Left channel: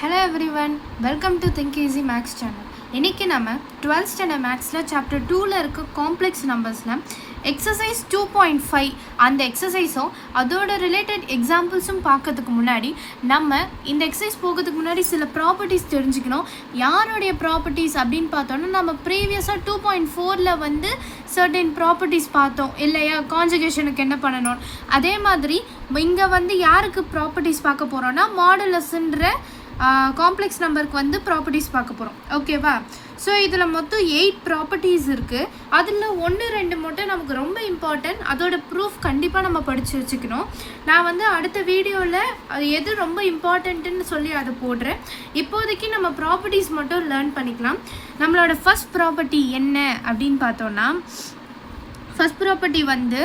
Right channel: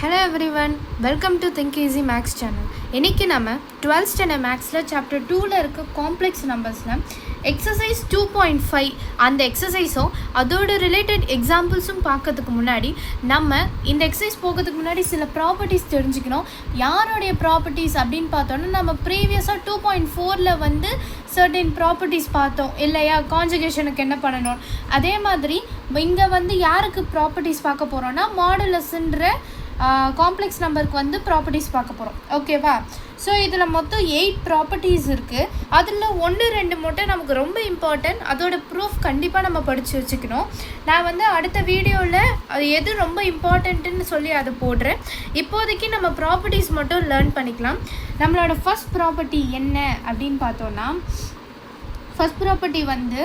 Hello everyone, welcome to Think Easy Max channel. இன்னைக்கு நம்ம 12th standard Maxல chapter 2ல இருக்க complex நம்பர்ஸ்ல exercise 2.5 அந்த எக்ஸசைஸும் அதோட ரிலேட்டட் எக்ஸாம்பிள்ஸும் பார்க்கறதுக்கு முன்னாடி நம்ம இந்த எக்ஸசைஸ் போகிறதுக்கு முன்னாடி சில ப்ராப்பர்ட்டிஸ் தெரிஞ்சுக்கணும். யாருடைய ப்ராப்பர்ட்டிஸ் அப்படின்னு பார்த்தோன்னா நம்ம ப்ரீவியஸாக 2.4ல வந்து சர்டன் ப்ராப்பர்ட்டிஸ் பார்த்தோம் இல்லையா, கான்ஜுகேஷனுக்கு என்ன பண்ணணும். அதே மாதிரி இங்கே வந்து யாருக்கு ப்ராப்பர்ட்டிஸ் பார்க்க போகிறோன்னா மாடுலஸ்ன்ற காம்ப்ளெக்ஸ் நம்பருக்கு வந்து ப்ராப்பர்ட்டிஸ் பார்க்க போகிறோம். ஓகேவா? ஸோ இதில் மொத்தம் 8 ப்ராப்பர்ட்டிஸ் இருக்குது. அதில் 1-2 மட்டும் நமக்கு ரொம்ப இம்பார்ட்டன்ட். அதோட ப்ரூஃப் கண்டிப்பாக நம்ம படித்து வச்சுக்கணும். நான் வந்து அடுத்த வீடியோவில் அது எது ரொம்ப இம்பார்ட்டண்ட்டுன்னு சொல்லி அதை போடுறேன். இப்போதைக்கு நம்ம ப்ராப்பர்ட்டிஸ் மட்டும் லேர்ன் பண்ணிக்கலாம். நம்மளோட ஃபர்ஸ்ட் ப்ராப்பர்ட்டி என்ன அப்படின்னு பார்த்தோன்னா, ஃபர்ஸ்ட் ப்ராப்பர்ட்டி வந்து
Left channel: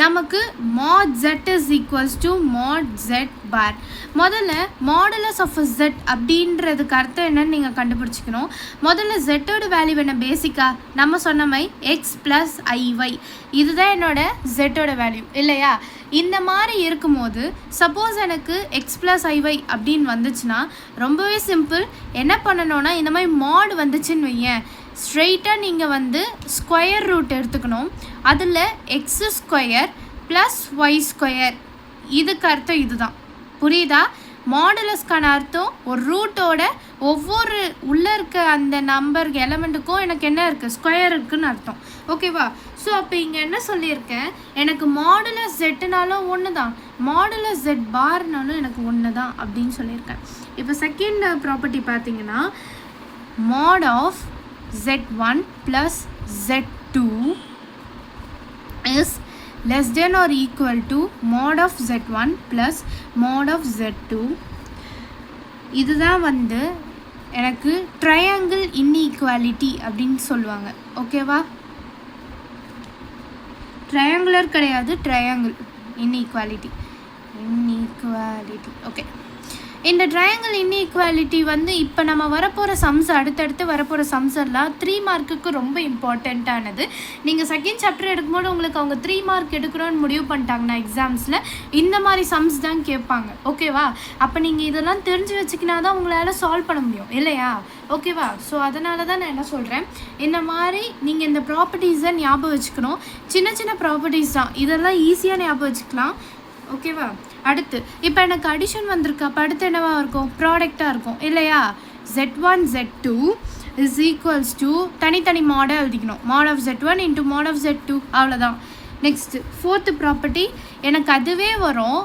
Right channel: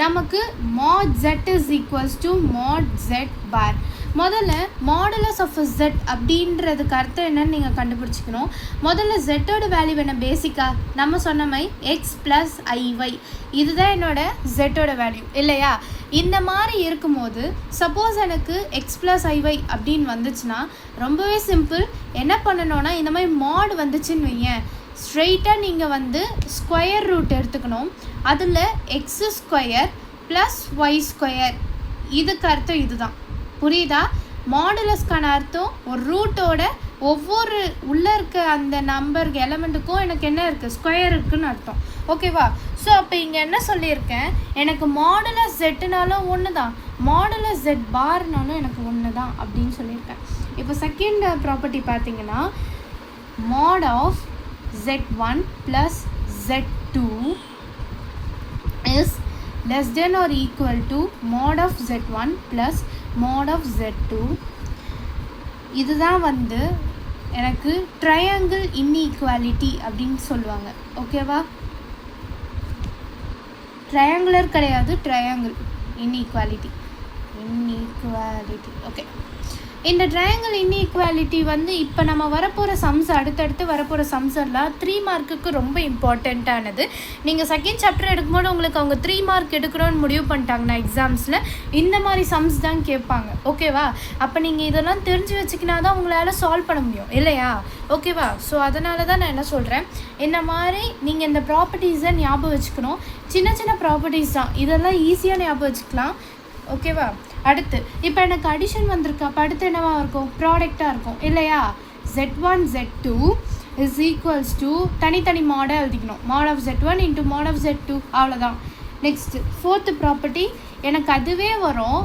நமக்கு mod z is equals to mod z bar. முதல்ல மாடுலஸ் ஆஃப் z அப்படின்றதுக்கு அர்த்தம் என்னன்னு நீங்கள் கண்டுபிடிச்சிக்கணும். முதல்ல z-ஓட வேல்யூ என்ன, பேசிக்காக நம்ம சொன்ன மாதிரி x + iy, இதுதான் என்னோட z-ஓட வேல்யூ இல்லையா. இந்த மாதிரி இருக்கும்போது சப்போஸ் எனக்கு x + iy அப்படின்னு வந்துச்சுன்னா ரொம்பவே சிம்பிள். என்ன பண்ணணும்னா, இந்த மாதிரி மாட் வந்துச்சுன்னு வையேன், ஸ்ட்ரெயிட்டாக நீங்கள் வந்து ஸ்கொயர் ரூட் எடுத்துக்கணும். அதில் x² + y², இதுக்கு அர்த்தம் இதுதான். புரியுதா? மாடுலஸ்க்கான அர்த்தம் ஒரு ரூட்டோட ஒவ்வொரு உள்ளே இருக்க அந்த நம்பர் எலமெண்ட்டுக்கும் எனக்கு என்ன இருக்குது, ஸ்கொயர் இருக்குதுன்னு அர்த்தம். ஓகேவா? ஸோ அப்போ இங்கே என்ன சொல்லியிருக்கேன், எனக்கு மாடுலஸ் z-னாலும் ஒன்று தான், மாடுலஸ் z பார்னாலும் எனக்கு ஒன்று தான் அப்படின்னு சொல்லியிருக்கேன். இப்போ செகண்ட் ப்ராப்பர்ட்டி பார்த்தீங்கன்னா, mod of z1 + z2 is less than or equal to mod of z1 + mod of z2. இதுதான் வந்து எனக்கு ட்ரையாங்கிள் இன்இக்வாலிட்டி அப்படின்னு சொல்லுவாங்க. ஓகேவா? ட்ரையாங்குலர் கிடையாது, ட்ரையாங்கிள் இன்இக்வாலிட்டி. ஓகே, இந்த ட்ரையாங்கிள் இன்இக்வாலிட்டி வந்து இப்போ நம்ம வரப்போகிற சம்ஸ், அடுத்தடுத்து வரப்போகிற சம்ஸ் எல்லாம் 3 மார்க்குக்கு ரொம்ப இம்பார்ட்டண்ட்டானது. நீங்கள் செகண்ட் சாப்டர் எடுக்கும்போது உங்களுக்கு அவங்க 3 மார்க் எடுக்கணும்னு முடிவு பண்ணிட்டாங்கன்னா எக்ஸாம்ஸில் இந்த மாதிரி சம்ஸ் தான் கேட்பாங்க. ஓகேவா? அப்போ நீங்கள் இதெல்லாம் தெரிஞ்சு வச்சுக்கினா தான் உங்களால் சால்வ் பண்ண முடியும் இல்லையா? ஓகேவா? ஸோ அதனால தான் நான் என்ன சொல்கிறேன், இந்த மாதிரி நீங்கள் இந்த ப்ராப்பர்ட்டிஸை ஞாபகம் வச்சுக்கணும். சின்ன சின்ன ப்ராப்பர்ட்டிஸ் தான், இதெல்லாம் ஈஸியாக ஞாபகம் வச்சுக்கலாம். ஓகேவா? அடுத்து இப்போ எனக்கு அடிஷன் வந்திருக்கு. அப்போ அடுத்து என்னவாக இருக்கும், ப்ராடக்டாக இருக்கும் இல்லையா. z1 z2 is equals to தனித்தனி மாடை எழுதிக்கணும். mod of z1 into mod of z2, அவ்வளோதான். நெக்ஸ்ட்டு ஃபோர்த்து ப்ராப்பர்ட்டி எனக்கு அதுவே வரும்,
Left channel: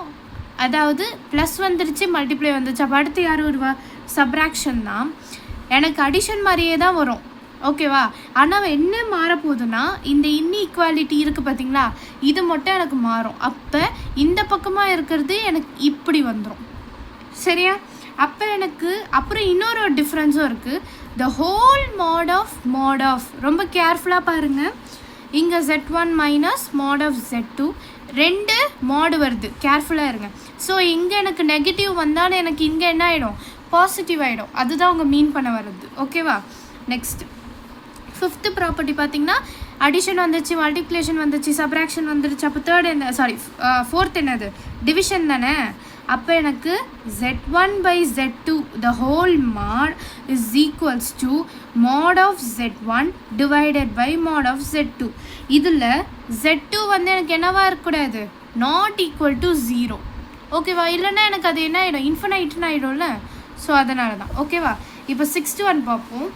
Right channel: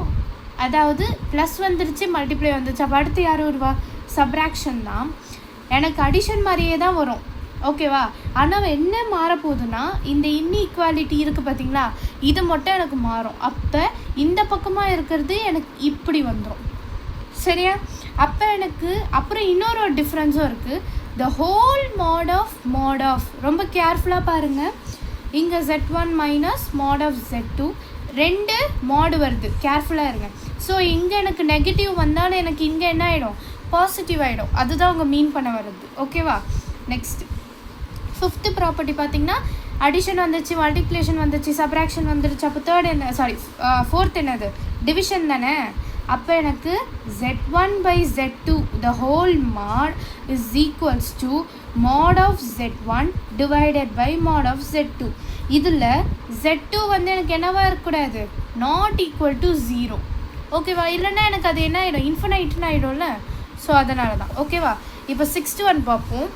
அதாவது ப்ளஸ் வந்துருச்சு மல்டிப்ளை வந்துருச்சு. அப்போ அடுத்து யார் வருவா, சப்ராக்ஷன் தான். எனக்கு அடிஷன் மாதிரியே தான் வரும். ஓகேவா? ஆனால் என்ன மாறப்போகுதுன்னா, இந்த இன்இக்வாலிட்டி இருக்குது பார்த்தீங்களா, இது மட்டும் எனக்கு மாறும். அப்போ இந்த பக்கமாக இருக்கிறது எனக்கு இப்படி வந்துடும். சரியா? அப்போ எனக்கு அப்புறம் இன்னொரு டிஃப்ரென்ஸும் இருக்குது, த ஹோல் mod ஆஃப் ரொம்ப கேர்ஃபுல்லாக பாருங்கள். இங்கே z1 - mod of z2 2 மாடு வருது, கேர்ஃபுல்லாக இருங்க. ஸோ இங்கே எனக்கு நெகட்டிவ் வந்தாலும் எனக்கு இங்கே என்ன ஆகிடும், பாசிட்டிவ் ஆகிடும். அதுதான் அவங்க மீன் பண்ண வருது. ஓகேவா? நெக்ஸ்ட்டு ஃபிஃப்த்து ப்ராப்பர்ட்டி பார்த்தீங்கன்னா, அடிஷன் வந்துச்சு, மல்டிப்ளிகேஷன் வந்துச்சு, சப்ராக்ஷன் வந்துருச்சு. அப்போ தேர்ட் என்ன, ஃபோர்த் என்னது, டிவிஷன் தானே. அப்போ எனக்கு z1 / z2 the whole mod is equals to mod of z1 divided by mod of z2. இதில் z2 வந்து எனக்கு என்னவா இருக்கக்கூடாது, நாட் ஈக்குவல் டு 0. ஓகேவா? இல்லைன்னா எனக்கு அது என்ன ஆகிடும், இன்ஃபினைட்னு ஆகிடும்ல. ஸோ அதனால தான். ஓகேவா? இப்போ 6th ஒன் பார்ப்போம்.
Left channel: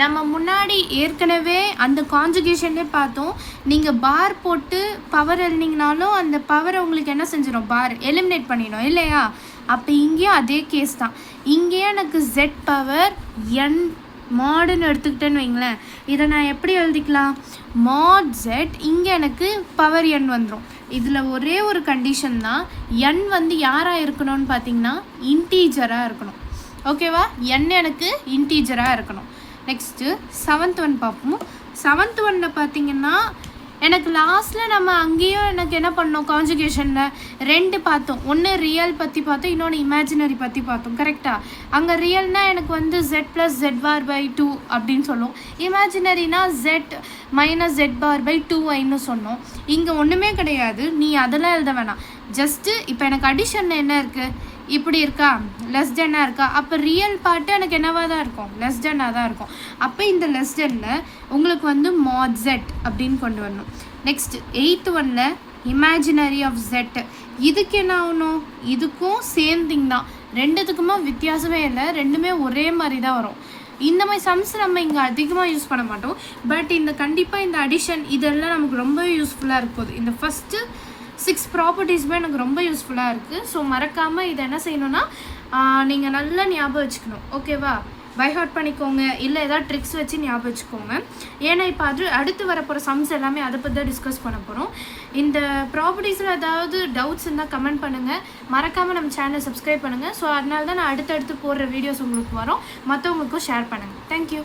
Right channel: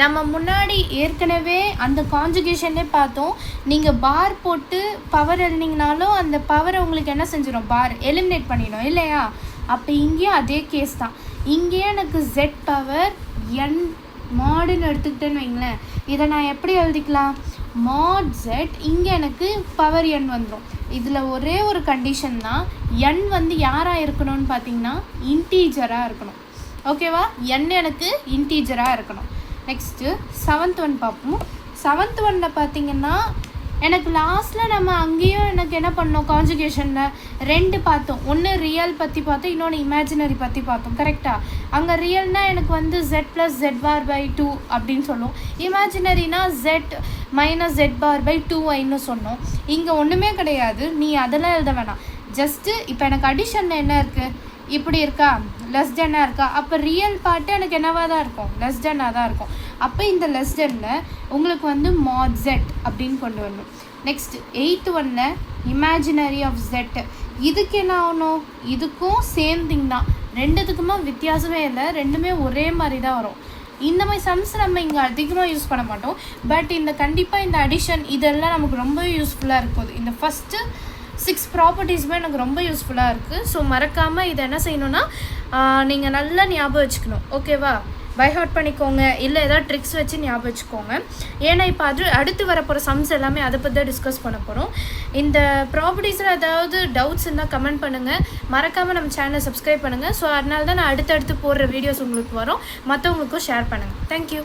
நம்ம முன்னாடி ஏற்கனவே அந்த கான்ஜுகேஷனே பார்த்தோம். நீங்கள் பார் போட்டு பவர் எழுதிங்கனாலும் அந்த பவரை உங்களுக்கு என்ன செஞ்சிடும், பார் எலிமினேட் பண்ணிடும் இல்லையா. அப்போ இங்கேயும் அதே கேஸ் தான். இங்கேயும் எனக்கு z பவர் n மாடுன்னு எடுத்துக்கிட்டேன்னு வைங்களேன். இதை நான் எப்படி எழுதிக்கலாம், mod z, இங்கே எனக்கு பவர் n வந்துடும். இதில் ஒரே ஒரு கண்டிஷன் தான், n வந்து யாராக இருக்கணும்னு பார்த்தீங்கன்னா இன்டீஜராக இருக்கணும். ஓகேவா? n எனக்கு இன்டீஜராக இருக்கணும். நெக்ஸ்ட்டு 7th ஒன் பார்ப்போம். 7th ஒன்னில் பார்த்தீங்கன்னா எனக்கு லாஸ்ட்டில் நம்ம அங்கேயும் எனக்கு என்ன பண்ணோம், கான்ஜுகேஷனில் 2 பார்த்தோம். ஒன்று ரியல் பற்றி பார்த்தோம், இன்னொன்று இமேஜினரி பற்றி பார்த்தோம். கரெக்டாக? அங்கே ரியல்னால் எனக்கு வந்து z + z⁻/2 அப்படின்னு சொல்லுவோம். இமேஜினரினா z - z⁻/2yன்னு சொன்னோம். இங்கே ஒன்றுமே கிடையாது, நீ அதெல்லாம் எழுத வேணாம். ஜஸ்ட்டு இப்போ எனக்கு அடிஷனில் என்ன இருக்குது, இப்படி இருக்கா, லெஸ் தென்னாக இருக்கா, அப்போ ரியல் பார்ட்டு எனக்கு என்னவாக தான் இருக்கும், லெஸ் தென்னாக தான் இருக்கும். அப்போ இந்த லெஸ் தென்னில் உங்களுக்கு வந்து மாட் ஜெட் அப்படின்னு கொண்டு வரணும். நெக்ஸ்ட் 8th ஒன்னில் இமேஜினரி ஆஃப் ஜெட். இதுக்கு என்ன ஆகணும், இதுக்கும் சேம் திங் தான், ரெண்டுத்துக்குமே வித்தியாசமே இல்லை, ரெண்டுமே ஒரே மாதிரி தான் வரும். இந்த மாதிரி சம்ஸ் நம்ம இங்கே அதிகமாக யூஸ் பண்ண மாட்டோம். பட் இந்த கண்டிப்பாக இந்த அடிஷன் இதெல்லாம் நமக்கு ரொம்ப யூஸ்ஃபுல்லாக இருக்கும். இந்த ஃபஸ்ட்டு 6 ப்ராப்பர்ட்டிஸுமே எனக்கு ரொம்ப யூஸ்ஃபுல்லாக இருக்குது. ஸோ மறக்காமல் இதை என்ன செய்யணுன்னா நீங்கள் நல்லா ஞாபகம் வச்சுக்கணும். ஓகேவா? பை ஹார்ட் பண்ணிக்கோங்க, இல்லை ஏதாவது ட்ரிக்ஸ் வச்சு ஞாபகம் வச்சுக்கோங்க. ஏன்னா இப்போ அடுத்து வரப்போகிற சம்ஸ் எல்லாமே அதை பற்றி தான் டிஸ்கஸ் பண்ண போகிறோம். இந்த ப்ராப்பர்ட்டிஸில் ஏதாவது டவுட்ஸ் இருந்தால் கமெண்ட் பண்ணுங்கள். மறக்காமல் நம்ம சேனலை சப்ஸ்கிரைப் பண்ணுங்கள். ஸோ அதனால தான் நான் அடுத்தடுத்து போடுற வீடியோஸ் உங்களுக்கு வரும், மற்றவங்களுக்கும் ஷேர் பண்ணுங்கள். தேங்க்யூ.